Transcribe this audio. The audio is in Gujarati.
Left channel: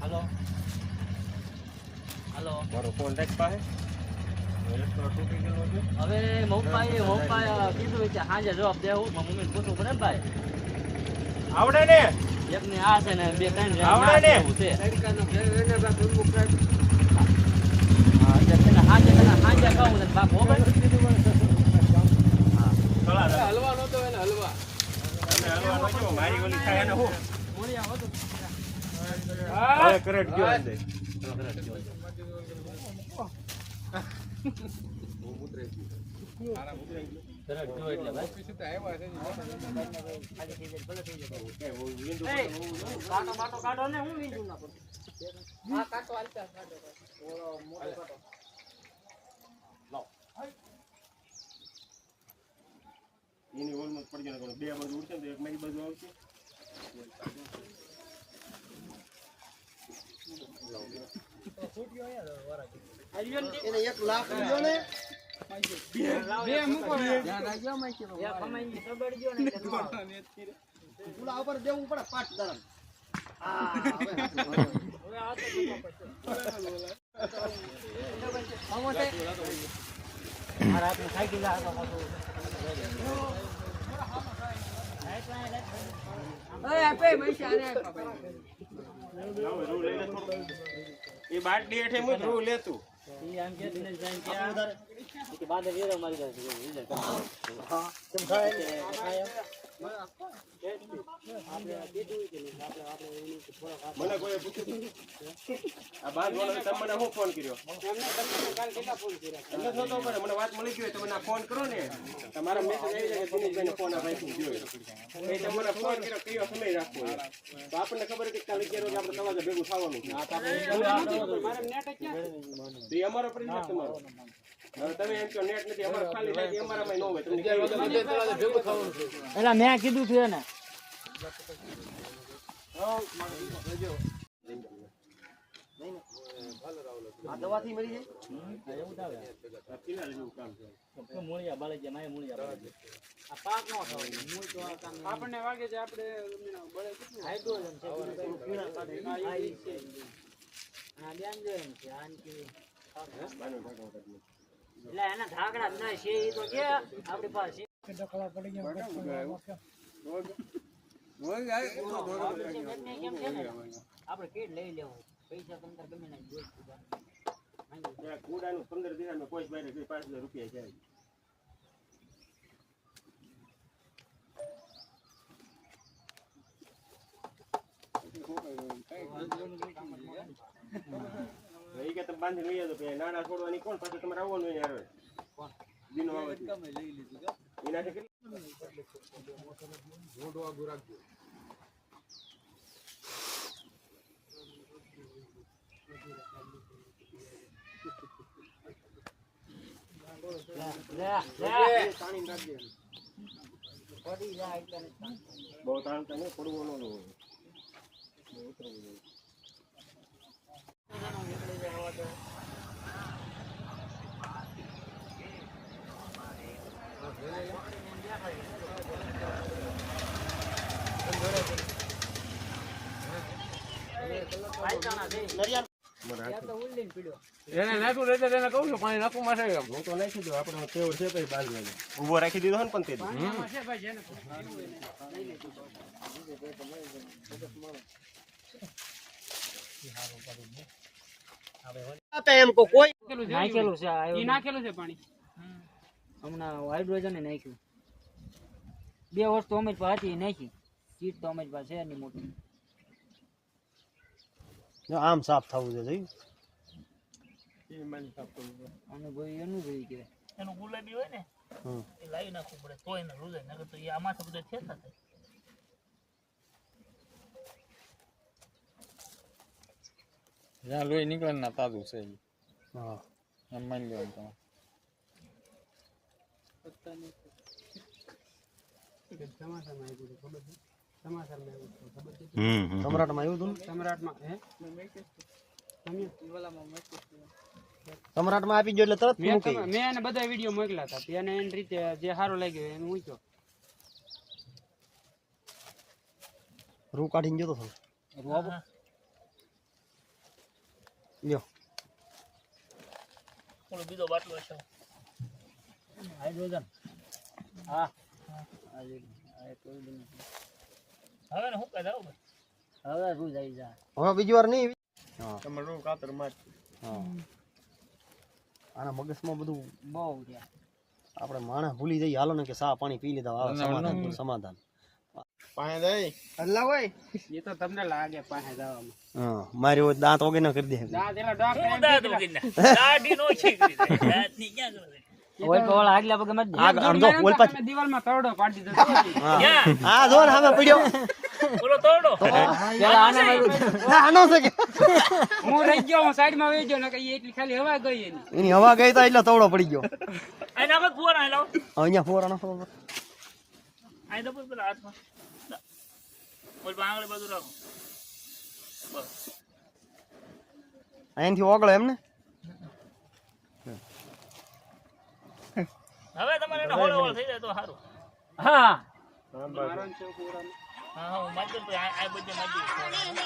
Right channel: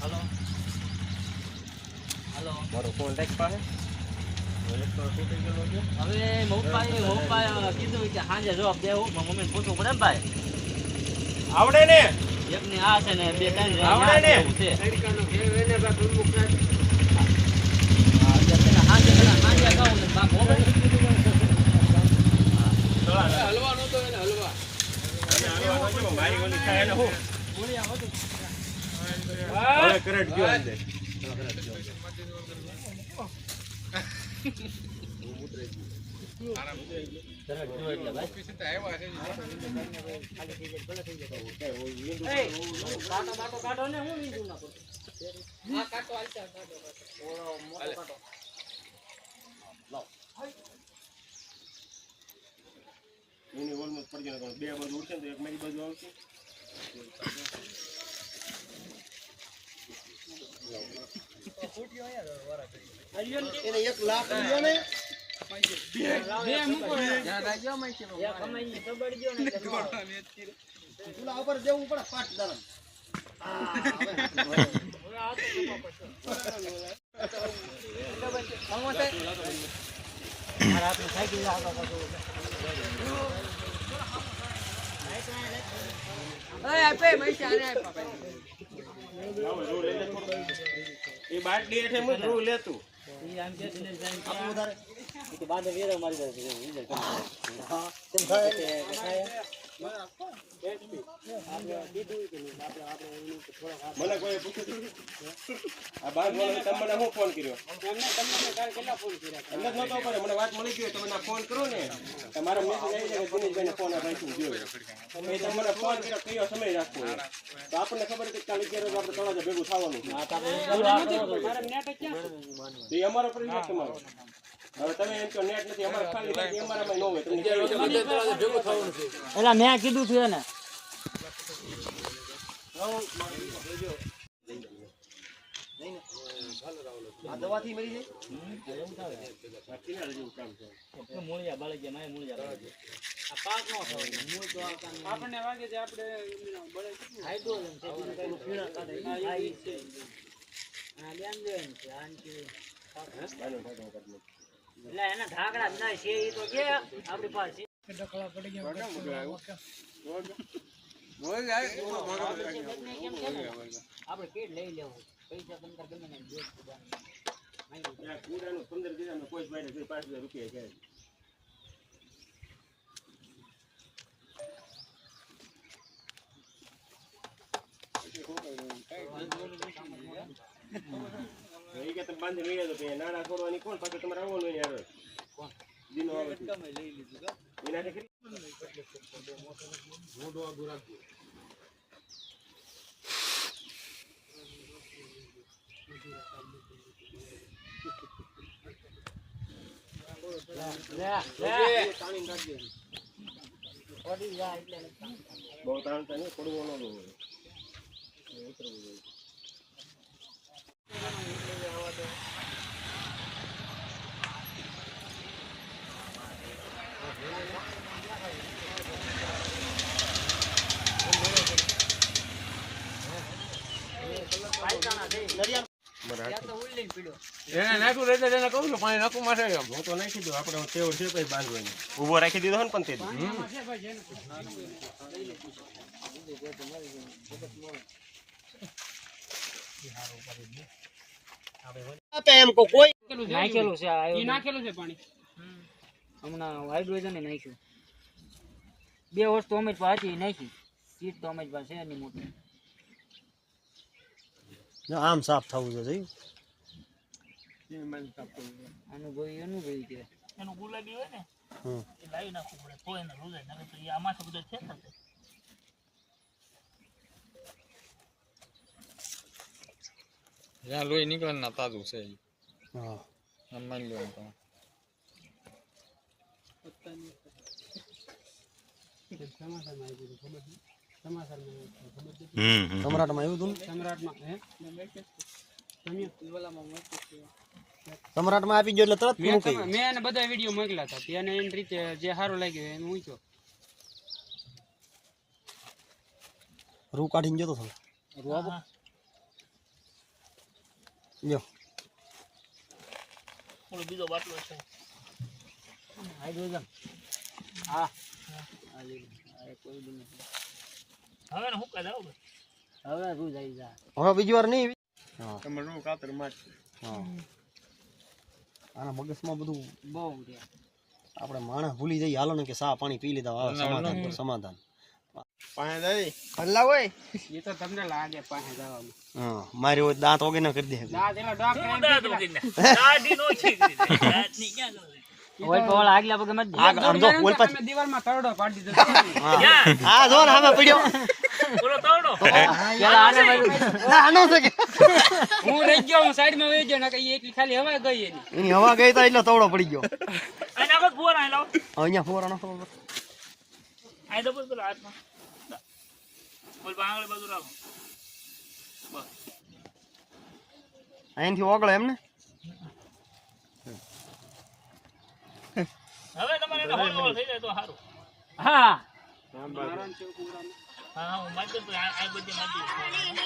હાલો હાલો મારો કોન્ટેક્ટ પાસે. ઇલેક્ટ્રો તૂટી ગયેલો છે હવે મમ્પાએ મમ્પાએ કીધું કે સાંજે જવાબ દેવું મમ્મી પૂછવું પડે ને ભાઈ. આવડે ને. એકની આ છે ને બે ત્રણ આવડે ના ને? જેવું છે હા, એટલે છે ને સાંજે પેલા સાંજે કહું ને બાપ હોગળ. હલવા નતો એને હલવા અને હાલવાનો છે, મારી ઓલી થાય એને હું હવે કરંટ ગયો અંદર. ભાઈ. એય, કાંટો ને હું એની ઓલમોસ્ટ પડી જાય બે બાજુ ઉડશે ને એક મારી બાજુ આવશે એને એક લાખ લ્યો ને. ચૂલા ઉપર દેવું પડે પાટ દરમ આપે માઈ બાટલી હેઠે હું ધ્રુવ લેતું. બાંધે વેરો મારી દે મને કોઈ પૂછ્યું આ બાંધવાનો વાળો તમને હું ફોન કર્યો? એમને તમને કાલે કેટલા ફોન કર્યા એમ જ નતો પડે મને વાત મળી ગઈ તમે ફોન કરો ને. તમારા મેસેજ આવી જાય કે ફોન આ ભાઈ ગયો એ તમને ફોન કર્યો કયો સમય રાખવો તો આપણને ખબર છે કે કાલે કે રોજ આપણે તળાજા ભેગું થવાનું છે. એ અમારો પ્રશ્ન તમારો તમે કહો નેટ નથી. અમારે ખાલી થાય કે અમારામાં ન હોય. તમને કેવી રીતે ભેગું થવાનું છે. એટલે મેં કીધું થયું આ દવાથી છે મૂળિયા બળી ગયા મૂળિયા બળી આ પાક નો થયો મૂળ તો આપણને વાગે છે આપણે હાઇડ્રોજન છે આ ઈ છે આ લેન દેન છે કાઢી નાખ્યું. એટલે એના છે એ તો કે આપણી પાસે છે કેમ છે ને આપણે કેટ લઈ લેવું. પૈસા પંદર ગમે ને જોઈ ત્યાં કુડાનું પંદર દિનામાં કોઈ બારે જોઈ પાંચ હજાર રૂપિયા જાય એ કે તમે બાંધી લઈ કે નાના છોડવાની કોણ પાછું તમારે આવવાનું યાર કોણ? દિનો આવે. એનાથી દે. બહુ તાણતા નહીં પડવું ન હોય ઉતરવું જોઈએ ત્યાં તો ઉલ્લીને પીડ્યો. એને નાખું રહેતા તેને કહું છું પાણી નાખું માથે હું તો નાખી દઉં આપણે તેવડ છે કઈ બાંધવાનું ઊભો રાખી દીધો ને પણ તે એમ કોઈ નાખેલું છે આ નાખેલું છે પાણી. હમણાં હાઇડ્રોજન નાખ્યું. બે વસ્તુ અમે હતી નાખી. કીટ તો અમે જ પાસે છે એની મોટી. આમ સાફ થવું જોઈએ અનુભવી અનુભવી કહેવાય એનું ગુલાબી હોય ને એ લાવી નાખવું પડે તો એને રૂજાય નકર તો એ આમાંથી બધો છે થશે જ્યાં લોહી નીકળે ના તાજું છે ઈ. એમ માની લેવાનું તમે. સમ્રાટમાં આવ્યું હતું? સમ્રાટમાં હે? સમ્રાટમાં આપી ગયો એટલે તરત મેં મૂકી મેં એને બધા વીડિયો મોકલા હતા એની રીતે જે સારું લાગ્યું એને મૂક્યો. રૂ કાઢીને જતો થોડો રૂ આપો. લ્યો. ઓલો બીજો બાટલો છે. હાઇડ્રોજન હા. આ લીધું. આ કોઈ બી નથી. હવે હું કાંઈ જાવ હવે રૂ જઈ જા. હવે બીજી વાર નહીં? તમે રૂ કાતર માર હા. આના મગજમાં બધું બહુ રહ્યા. આપણે માણસ ભૂલી જઈએ. હાલો ને કે સા પાણી પી લીધા. આવે સમાધાન સમાધાન. પાસે જઈ. હલ્લા હોય. એ તો તમને લાગે પાસે જવામાં. હા મારી હોય દાંત વગેરે કરી દે. દાંત એલા ડોક દાદુ કીને દાઢી નો છે દાંતની ક્યાં ગયો ઓય તો ઓલા આગલા પગે મત દે. આગળ અડધો ઓલ પાછો તમે દિવાલમાં તરડો પાડી દીધો. હા. જો ને પડ્યો. તોડો આને છે હું રહી ગયો હું સાઈડમાં ગયો ને કઈ એટલી ખાલી હવા ગઈ એની. એની હવા ગઈ તો એટલે તવડો પડી ગયો. આને ફોર લાવ. અહીંયા પેલા હાથમાં. બોલ રાખો. બસ. અહીંથી ઓગળે એમ ને હવે તમારે હોળ હોળ થઈ જાય તો સારું. હા. હા હું મજબૂત આ બધે દઉં